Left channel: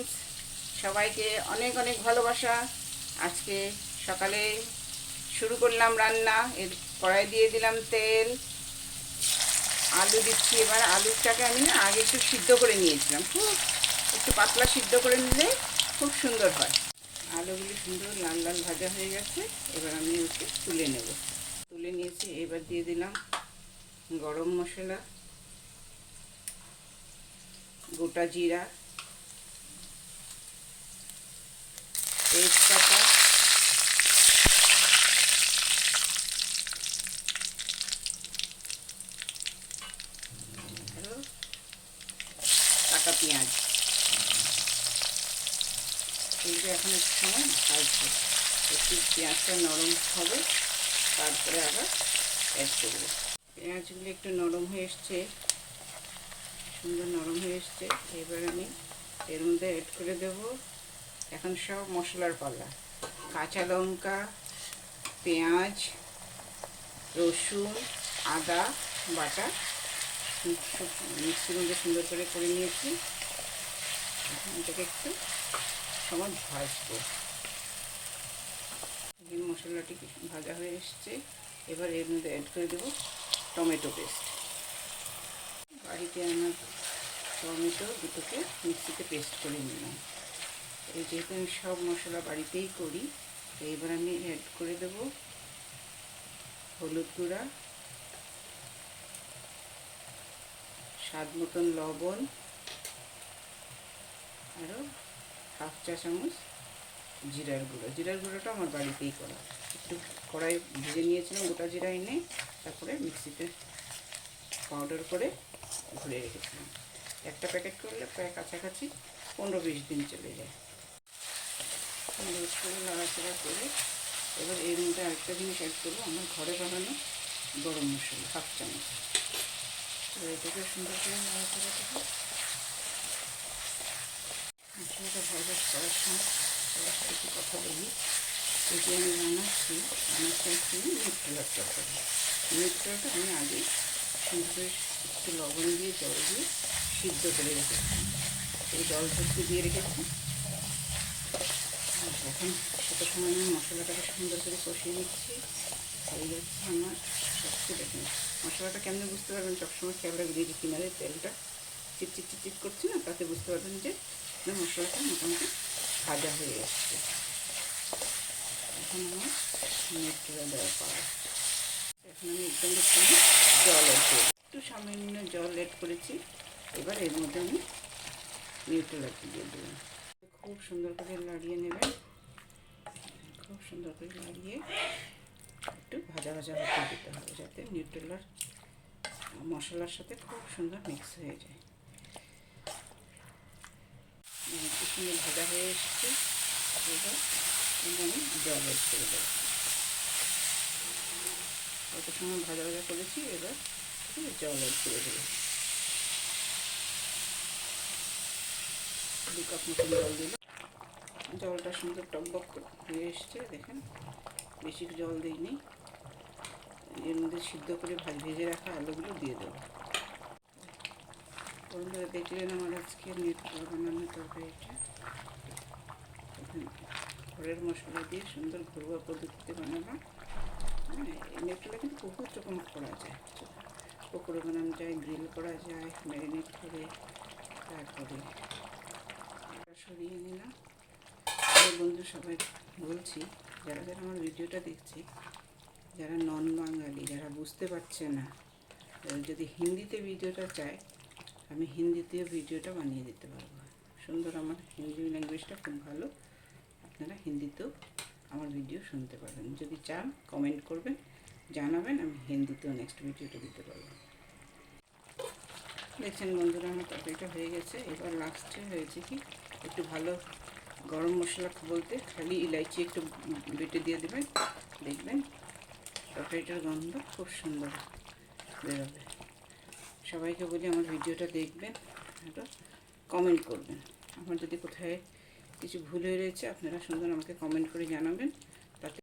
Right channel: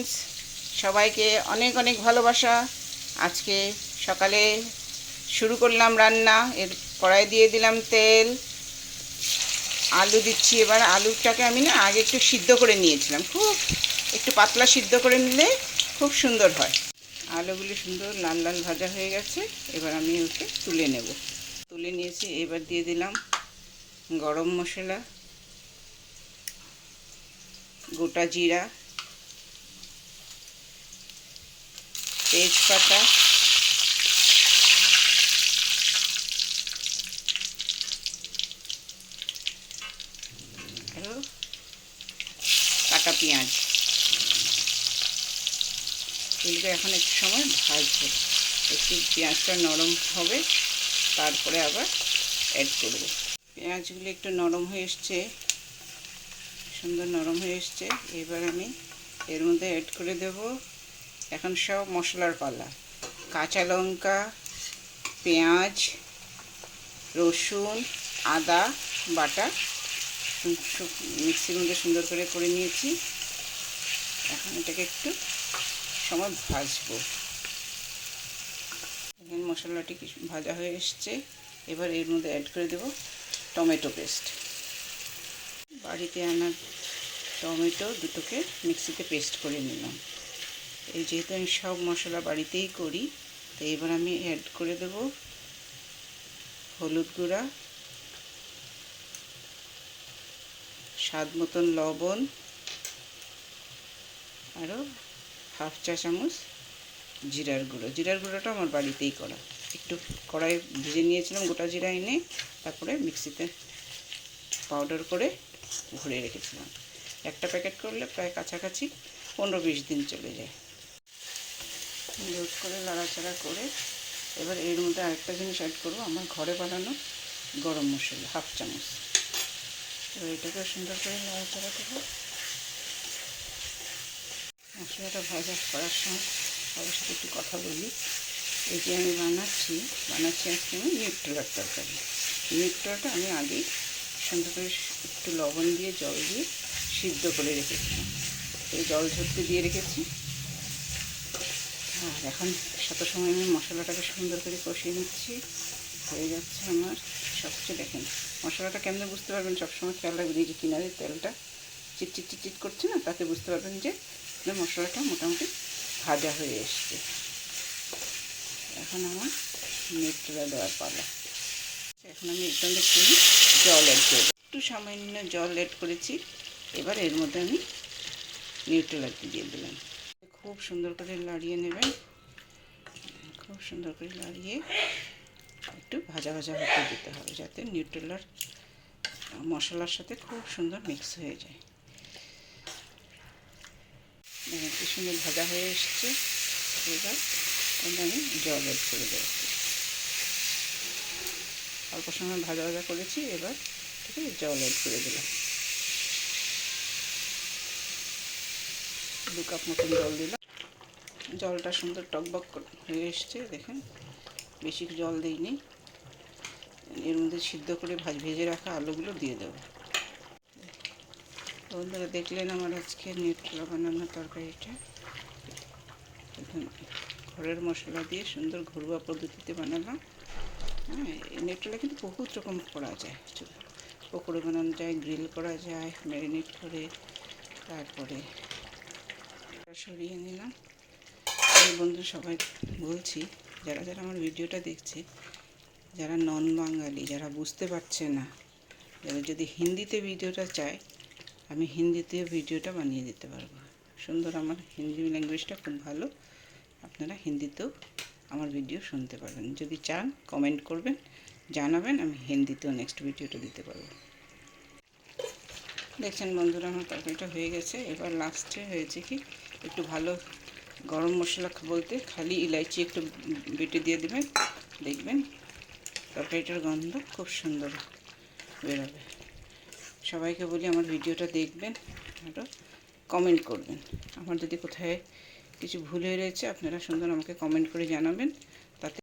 Friends, সবাইকে অনেক অনেক ভালোবাসা। আজকে সকালে শুরু করলাম রান্না। কড়াই দিয়ে দিলাম তেল, আলু দিচ্ছি। এবার আলুটাকে আমি না আগে একটু সিদ্ধ করে নিয়েছিলাম, খুব একটু পাতলা সিদ্ধ করে নিলে খুব সুন্দর হয়। আলুগুলি সুন্দর লাল লাল ভাজা হয়ে গেছে, এবার আমি ওকে তুলে নিয়েছি। এবার দিয়ে দিলাম গরম মশলা, গোটা জিরা, তেজপাতা, আর কাটা পেঁয়াজ। এগুলো এখন একটু সময় ভাজবো, একটু পেঁয়াজটা নরম হবে, তারপরে আবার অ্যাড করবো। পেঁয়াজগুলো একটু নরম হয়ে এসছে, সুন্দর নরম হয়ে এসছে। এবার আমি এর মধ্যে অ্যাড করে দেব এখন সব মশলার পালা। কাঁচা লঙ্কা, পেঁয়াজ, রসুন, আদা বাটা মিক্সির মধ্যে সুন্দর করে নিয়েছি। এখন এটাকে একটু সময় ভাজবো। মশলাটি ভাজা হয়ে এসছে, এবার এর মধ্যে অ্যাড করে দেব টমেটো পেস্ট। বাড়িতে আনা টমেটো দুটোকে মিক্সিতে পেস্ট করে নিলাম। এই যেহেতু আমি সব মশলা বাড়িতেই করি, এবার আমি অ্যাড করে দেব হলুদ গুঁড়া, স্বাদ মতন লবণ, আরও হাফ চা চামচ জিরার গুঁড়োটা আমার বাড়িতেই করা। একটু কড়াই ভেজে নিয়েছিলাম গোটা জিরা এনে, তারপরে মিক্সিতে পাউডার করে ঘুরে রেখেছিলাম। একটা প্যাকেট করলে প্রায় কাছাকাছি 15-20 দিন চলে যায়। সুন্দর করে নাড়াচাড়া করে এবার এর মধ্যে আরেকটা জিনিস অ্যাড করবো, আমার ঘরে বানানো গরম মশলা হাফ চামচ। এটাকে সুন্দর করে নাড়াচাড়া করবো। মশলাটা ভাজা করার সময় সবার সাথে একটু কথা বলি। এই যে আমি বানাচ্ছি আজকে নিউট্রেলার তরকারি। নিউট্রেলাটা আমি আগে সুন্দর করে একটু লবণ দিয়ে জল দিয়ে সিদ্ধ করে রেখেছি। এই জল ঝরতে দিয়ে রেখেছি। এখন সাথে সময় আমি মশলাটাকে সুন্দর করে কষিয়ে নিচ্ছি। হয়ে যাচ্ছে আমার সবচেয়ে। দেখেন মশলাটা কেমন বুঝতে পারবেন, সবসময় খেয়াল রাখবেন যে কিনারে তেলটা চিটচিট করছে না, তাতে বুঝতে পারবেন যে মশলাটা মোটামুটি ভাজা হয়ে এসছে। এখন আমার নিউট্রেলা দেওয়ার পালা। এখন আমি একদম একটু জল অ্যাড করব, একটু সামান্য জল অ্যাড করেছি। এবার এর মধ্যে আমি নিউট্রেলাটি দিয়ে দিলাম। খুব সুন্দর করে নাড়িয়ে নেবেন, খুব সুন্দর করে নাড়িয়ে একটু ভাজা ভাজা হতে দিতে হবে, যাতে নিউট্রেলার মশলার সাথে খুব সুন্দর মিক্স হয়ে যায়। একটু সুন্দর ভাজা হয়ে এসছে। এবার আমি জল অ্যাড করে দেবো। অল্প সময় ভাজা করেছি, এবার জল অ্যাড করে দিলাম। 2 কাপ মতন জল দিলাম। জলটা সুন্দর টকবক হয়ে এসছে, দেখেন বেশি জল দিইনি। এর মধ্যে সিদ্ধ করে ভেজে রাখা আলুগুলো দিয়ে দেবো। বন্ধুরা দেখলেন আমার আজকে নিউট্রেলা বানানো তরকারিটা। ঘরের মশলা দিয়ে সুন্দর ঘরোয়া পদ্ধতিতে বানালাম। হ্যাঁ, এই নিউট্রেলা কিন্তু বহুত রকম করা যায়। পকোড়া বানানো যায়, গ্রিল করা যায়, ম্যারিনেট করে। তারপরে সরিয়ে নিলাম। এই বন্ধু সবাই বলছি, যারা যারা আমার ভিডিওটা দেখছে, যারা নন বাঙালি, যারা বুঝতে পারছে না, যারা যদি হিন্দিতে ভিডিওটা চায়, আমি হিন্দিতে ভিডিওটা বানিয়ে দিতে পারবো সুন্দর। আমার হিন্দি ল্যাঙ্গুয়েজটা খুব ভালো, আপনারা হিন্দিতেও আমার ভিডিও শুনতে পারবেন। যদি চান কমেন্ট করবেন, জানাবেন, আমি হিন্দিতেও নেক্সট ভিডিওটা দিতে পারবো। দেখছেন বন্ধুরা আমার তরকারিটা হয়ে গেছে। এবার লাস্টে হয়েছে কি, একটু ভালো গরম মশলা বলতে খালি ইলাইচি একটু বেটে দিয়ে দেবেন, দেখবেন তরকারিটার গন্ধ খুব সুন্দর বেরোবে। সবাইকে বলি আমার ভিডিওটা দেখবেন, আরও কমেন্ট করবেন। আমার যদি কোথায় কিছু ভুল হয়ে রয়েছে আপনারা সুন্দর আমাকে কমেন্ট করে জানাবেন।